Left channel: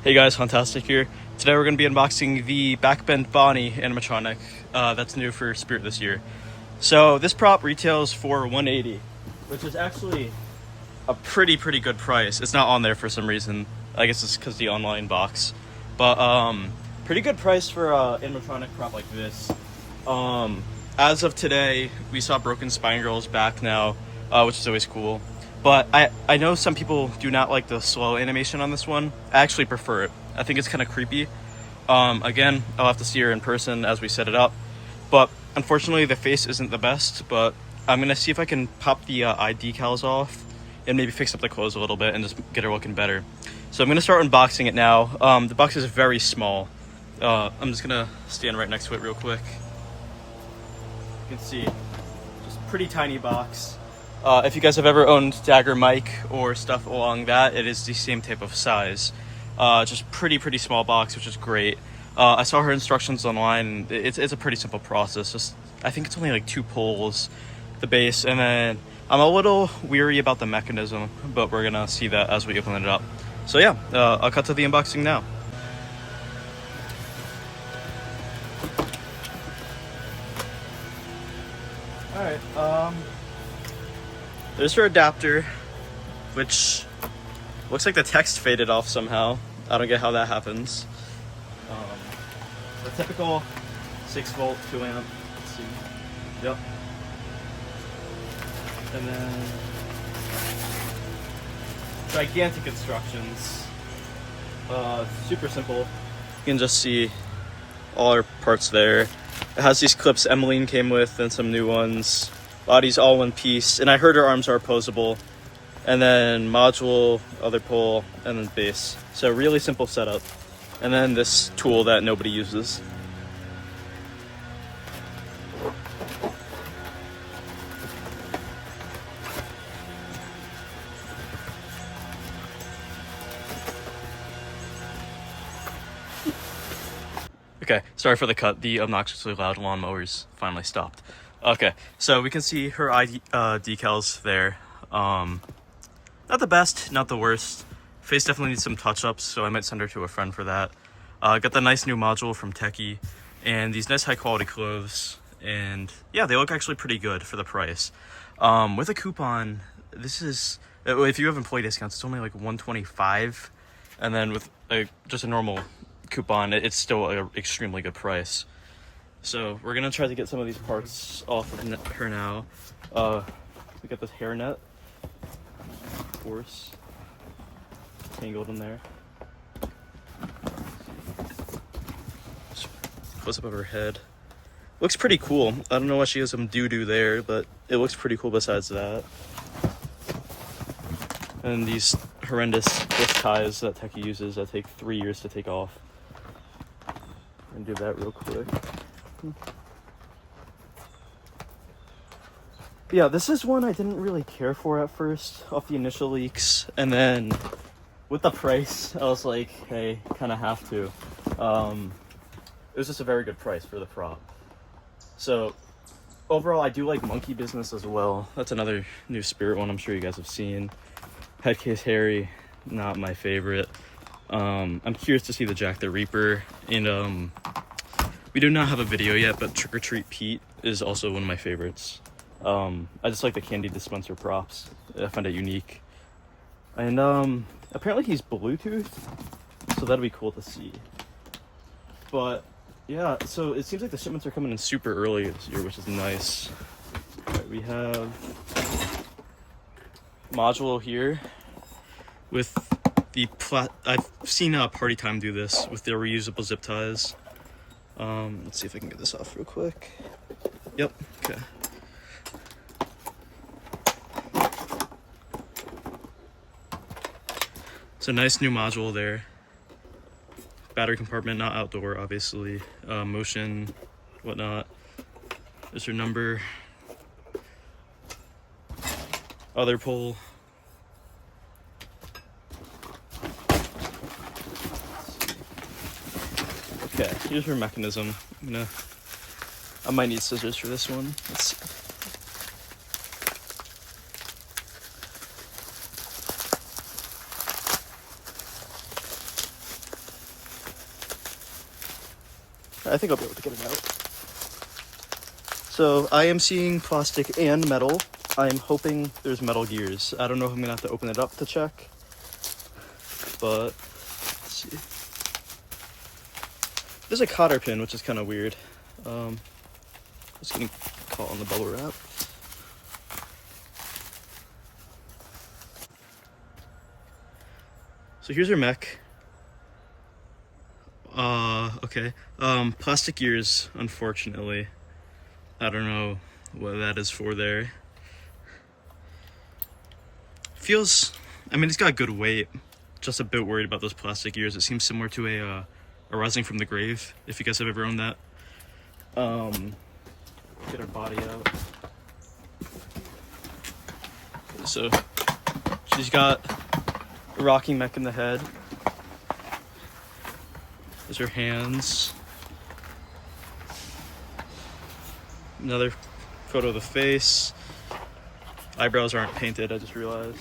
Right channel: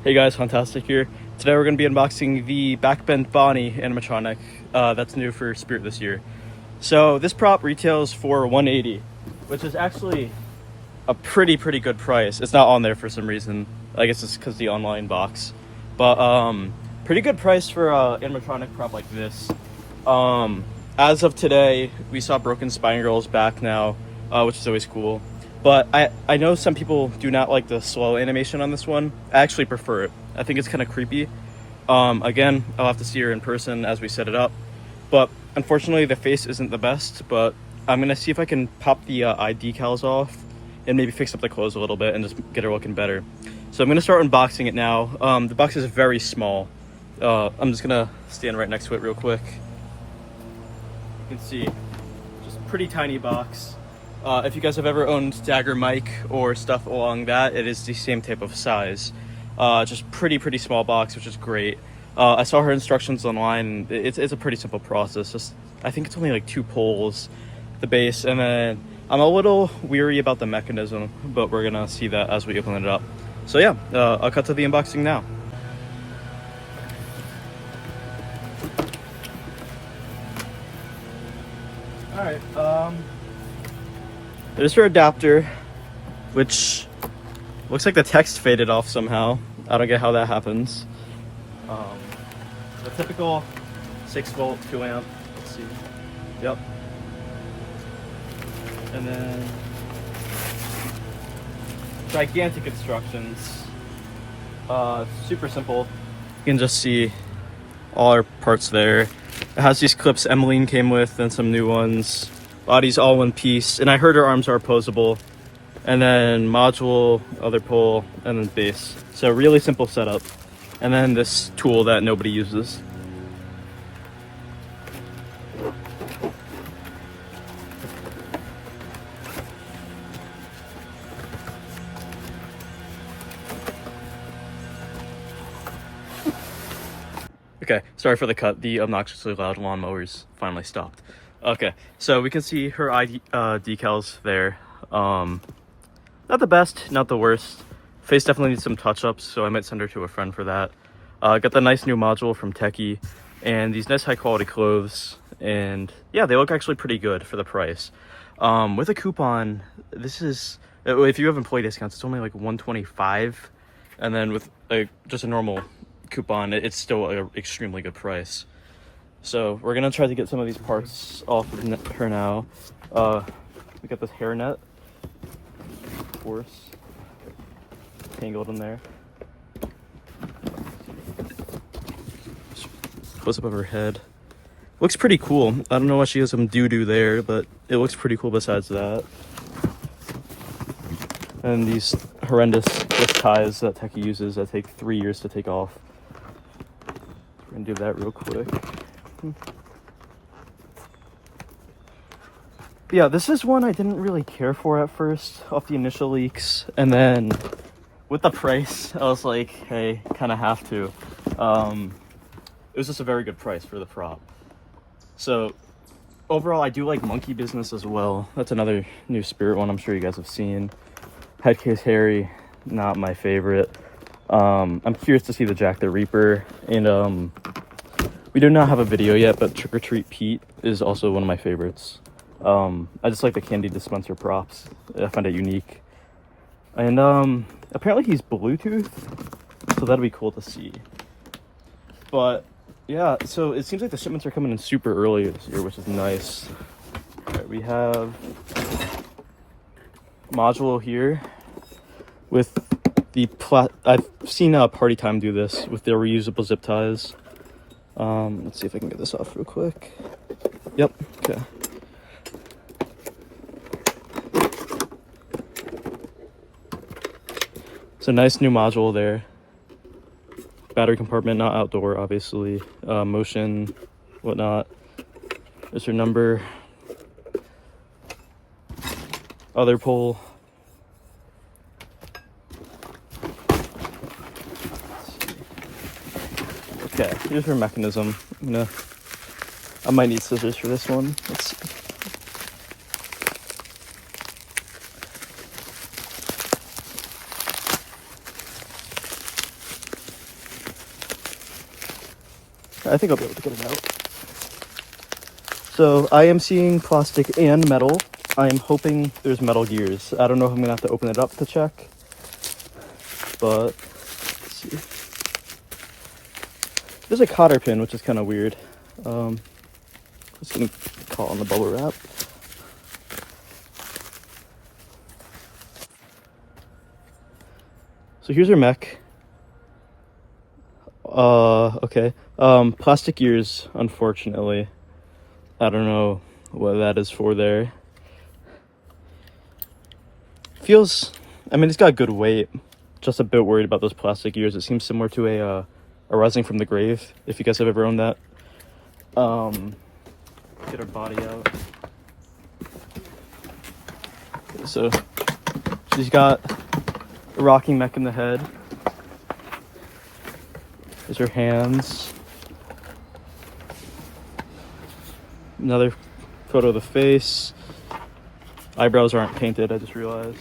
Hey guys, Fantastic here. Today we're going to be unboxing the Backbend Bonnie animatronic that's new for Spirit this year. So this prop retails for $180, which is actually a pretty good price. It's not on there for some reason. I guess it's because the online box. But pretty good price for an animatronic prop like this. As of today, we saw Broken Spine Girl's back now, which is always cool. But I know some people do not like the slow animation on this one. I actually prefer it. I think it's kind of creepy. Again, I'll have to see her in person as we set it up. But unfortunately, the face isn't the best. But I'm going to see if I can pop the eye decals off and maybe fix up the clothes a little bit and just get her looking better. So I'm going to start unboxing it now. The box is very small. I'm just going to stand right next to it real quick. You can see, just pretty tiny box. If you guys have ever owned Dagger mic or stuff along that, it is the same type of size. Just pretty small box, which is great. I saw her instructions online. It's a pretty simple process. Just I think it's only like 2 pulls, the base, and then I'm a little weary about the mechanism, but we're gonna see that as we open it up. So yeah, I'll cut to the unboxing now. All right. There's her adapter, which looks like the text faded off somehow. I don't get how that happens. The typical 6-volt 2-amp. Let's see. Yep. And then gigantic instructions. Super simple. You can just see all our parts there. It has these clips Emmeline came with and some new ones. Body's all one piece, and I heard her arms are opposable. And then module, other pole, and then base. So really simple setup. And then this tool that nobody uses. Okay, sorry for the cut. The obnoxiously loud lawnmowers finally stopped. Okay, so we can see her decals there. Not the best, not the worst. Face definitely needs some touch-ups, so I might send her to a friend for that. Got the nice new module from Techie, and these nice high-quality clothes. And yeah, they look actually pretty good for the price. With a coupon, this is, if you have employee discounts, it's only like $125. And then with just a normal coupon, it's still an extremely good price. So we're gonna try to get some of these parts off of her now. We got this hairnet, of course, tangled in there. Close up of her head. Looks pretty cool. I don't know why she has some doo-doo there, but it looks pretty cool besides that. And these horrendous twist ties that Techie uses that take 3 years to take off. I'm gonna do that real quick. Yeah, this is one I didn't really care for at first off the initial leaks, and then with the price I was like, hey, kind of have to. It was just a very good price for the prop. So overall, I do like Monkey Business as well. That's another new Spirit one I'm sure you guys have seen. Headcase Harry, not my favorite. I'm curious to see the Jack the Reaper, and we do not have a video yet, but Trick or Treat Pete is also one of my favorites. I just like the candy dispenser props. I find it unique. And apparently he's Bluetooth, so that'd be cool to see. But yeah, so it seems like the shipments are coming in super early this year, which is nice. All right, we have module here with the I've seen Party Time do this with their reusable zip ties. Let's see if I can get this off real quick. Yep, okay. It's a nice new module there. Battery compartment, not outdoor, obviously. Motion, whatnot. There's her number. Other pole. Okay, here's her mechanism. I might need scissors for this one. Let's see. I think I'll be able to get it out. So I am seeing plastic and metal. I am hoping there's metal gears. I don't know if I'm gonna have to open it up to check, but let's see. There's a cotter pin, which is kind of weird. Just gonna call on the bubble wrap. So here's her mech. Okay. Plastic gears, unfortunately. I don't know what that is for there. Feels, I mean, it's got good weight. Just a bit worried about those plastic gears. It seems similar to a Rising from the Grave, if you guys have ever owned that. Get her body out. So she's got a rocking mech in the head. There's her hands. Another photo of the face. Eyebrows aren't painted, I just realized.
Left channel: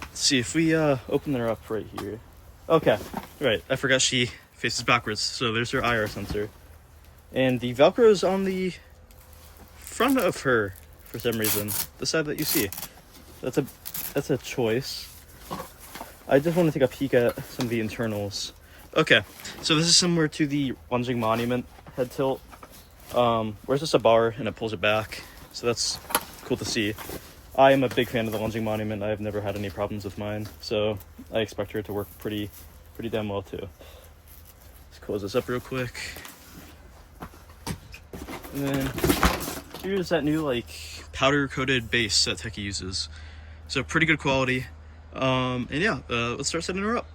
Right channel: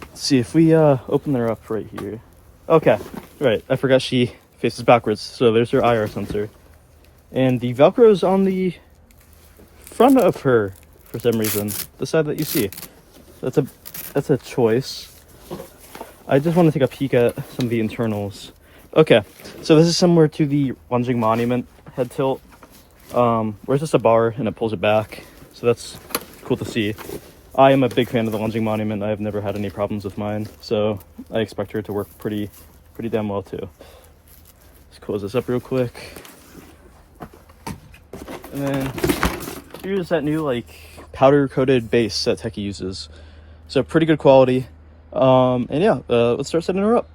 Let's see if we open her up right here. Okay, right. I forgot she faces backwards. So there's her IR sensor. And the Velcro's on the front of her for some reason. The side that you see. That's a choice. I just want to take a peek at some of the internals. Okay, so this is similar to the lunging monument head tilt. Where's just a bar and it pulls it back. So that's cool to see. I am a big fan of the lunging monument. I've never had any problems with mine, so I expect her to work pretty damn well too. Let's close this up real quick. And then here's that new like powder coated base that Techie uses. So pretty good quality. And yeah, let's start setting her up.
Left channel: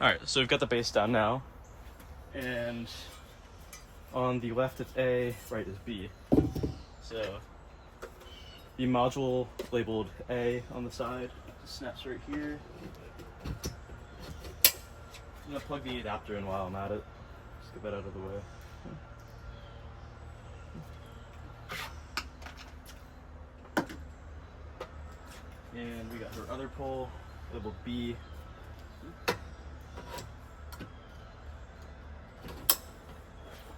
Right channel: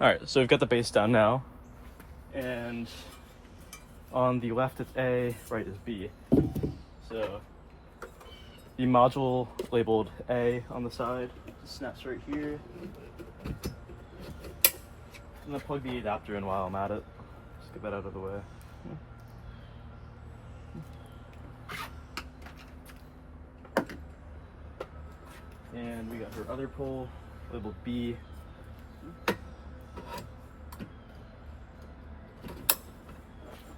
All right, so we've got the base down now, and on the left it's A, right is B. So the module labeled A on the side just snaps right here. I'm gonna plug the adapter in while I'm at it. Just get that out of the way. And we got her other pole labeled B.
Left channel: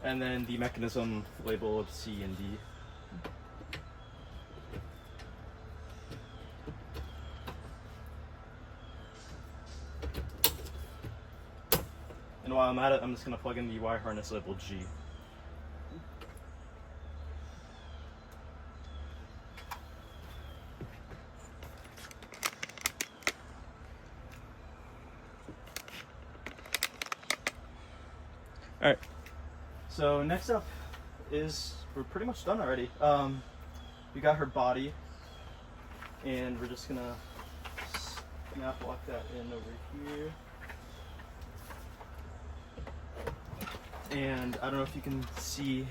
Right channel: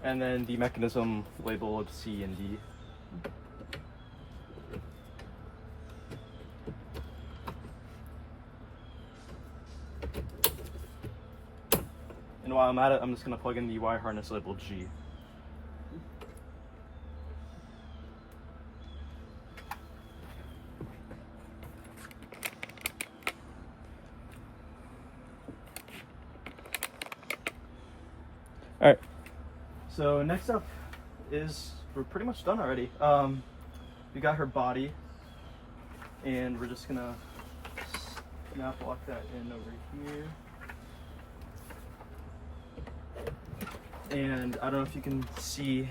And then the mechanism labeled C and D. And while I'm at it, I'm just going to plug in the wire harness labeled G. Alright, so next up is, we're pretty much done already. We got her body, and we're just gonna snap lock that in over here. And I don't know if you can see,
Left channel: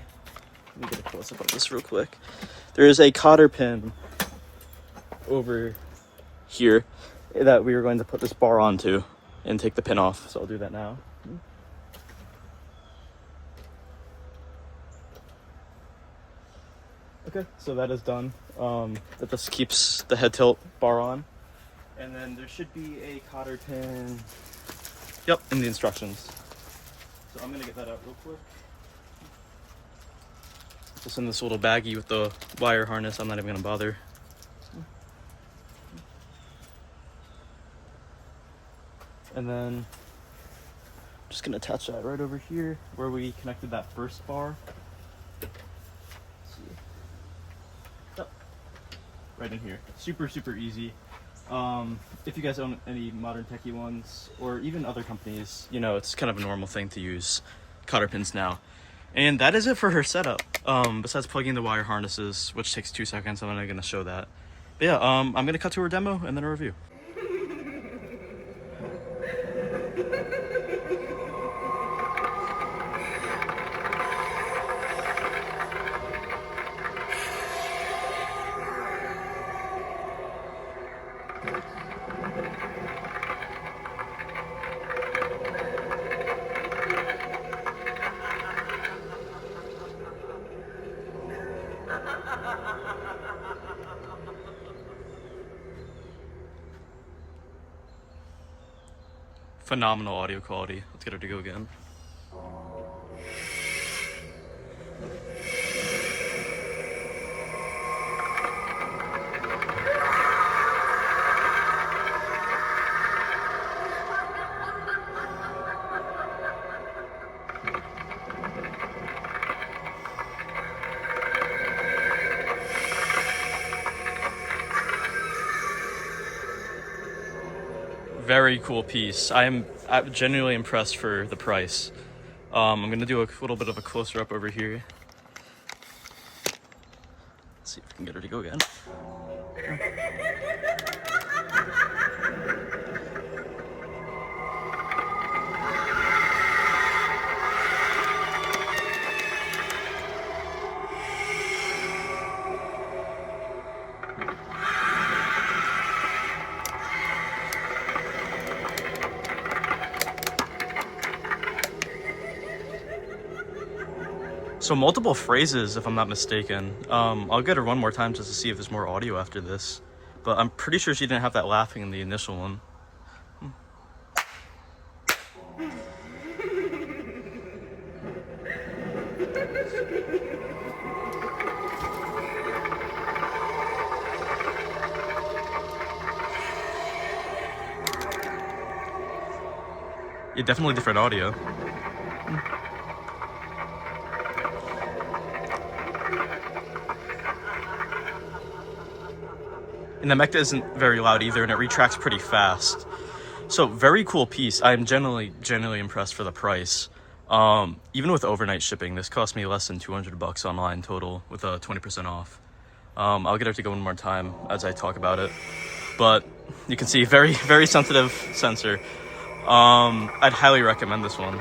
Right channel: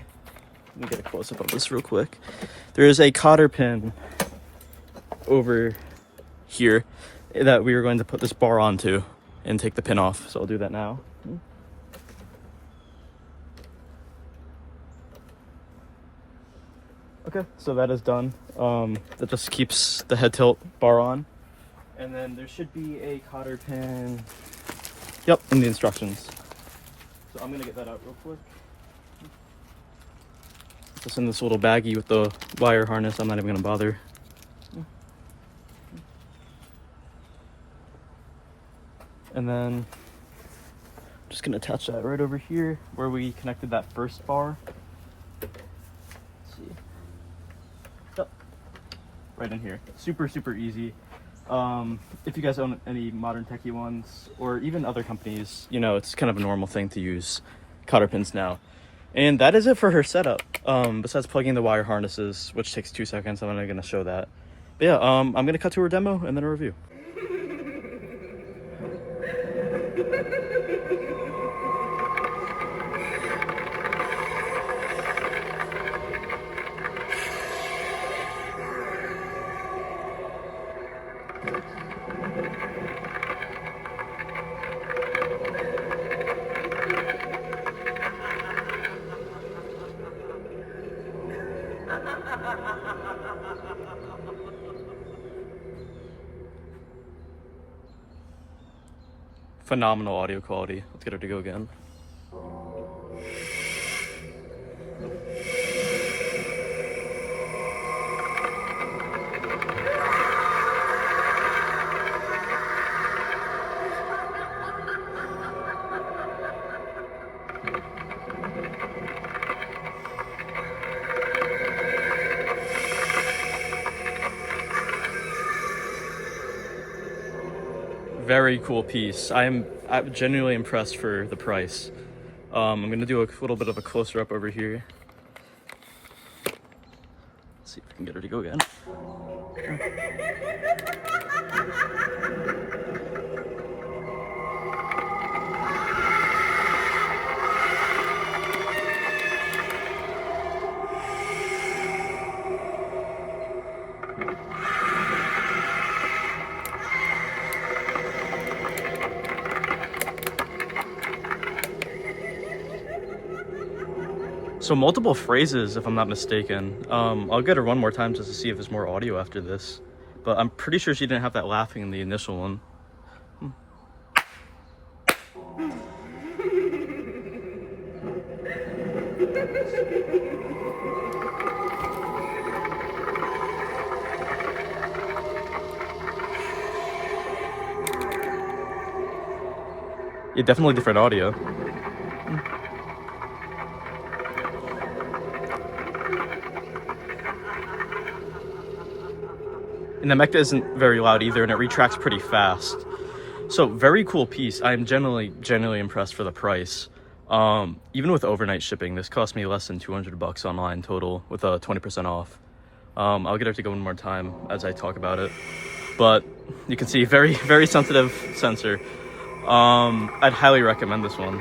let me get a close up on this real quick. There's a cotter pin over here that we are going to put this bar onto and take the pin off. So I'll do that now. Okay, so that is done. That just keeps the head tilt bar on. And then there should be a cotter pin, yep, in the instructions. So I'm gonna get that out real quick. Just in this little baggie with the wire harness, I'm not even gonna bother. And then I'm just gonna attach that right over here where we connected that first bar. Right in here. Super easy. If you guys own any modern Techie ones, or even other companies, you know, it's kind of a normal thing to use cotter pins now. And that is it for her setup. Besides plugging the wire harnesses, which takes 2 seconds, I'm not gonna show that. But yeah, I'm gonna cut to her demo and then a review. Phenomenal audio quality. Let's get her to go again. Very cool piece. I'm genuinely impressed for the price. I'm gonna do a little bit of a closer up over here. Let's see if we can get her to go again. So multiple phrases, if I'm not mistaken. I'll get her one more time just to see if there's more audio after this. But I'm pretty sure she didn't have that laughing in the initial one. Yeah, definitely different audio. And the mecha isn't very loud either, and it retracts pretty fast. So very cool piece. I'm genuinely impressed for the price. Even with overnight shipping, this cost me less than $200 online total with a 20% off. I'll get her to go one more time as I talk about it. But you can see very sensitive sensor. I'd highly recommend this one.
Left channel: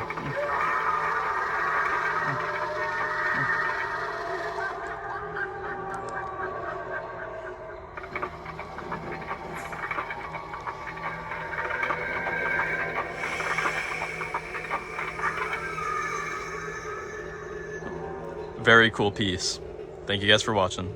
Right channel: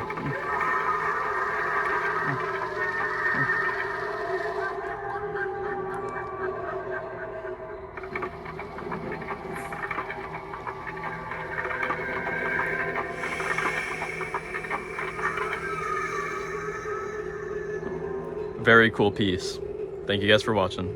Very cool piece. Thank you guys for watching.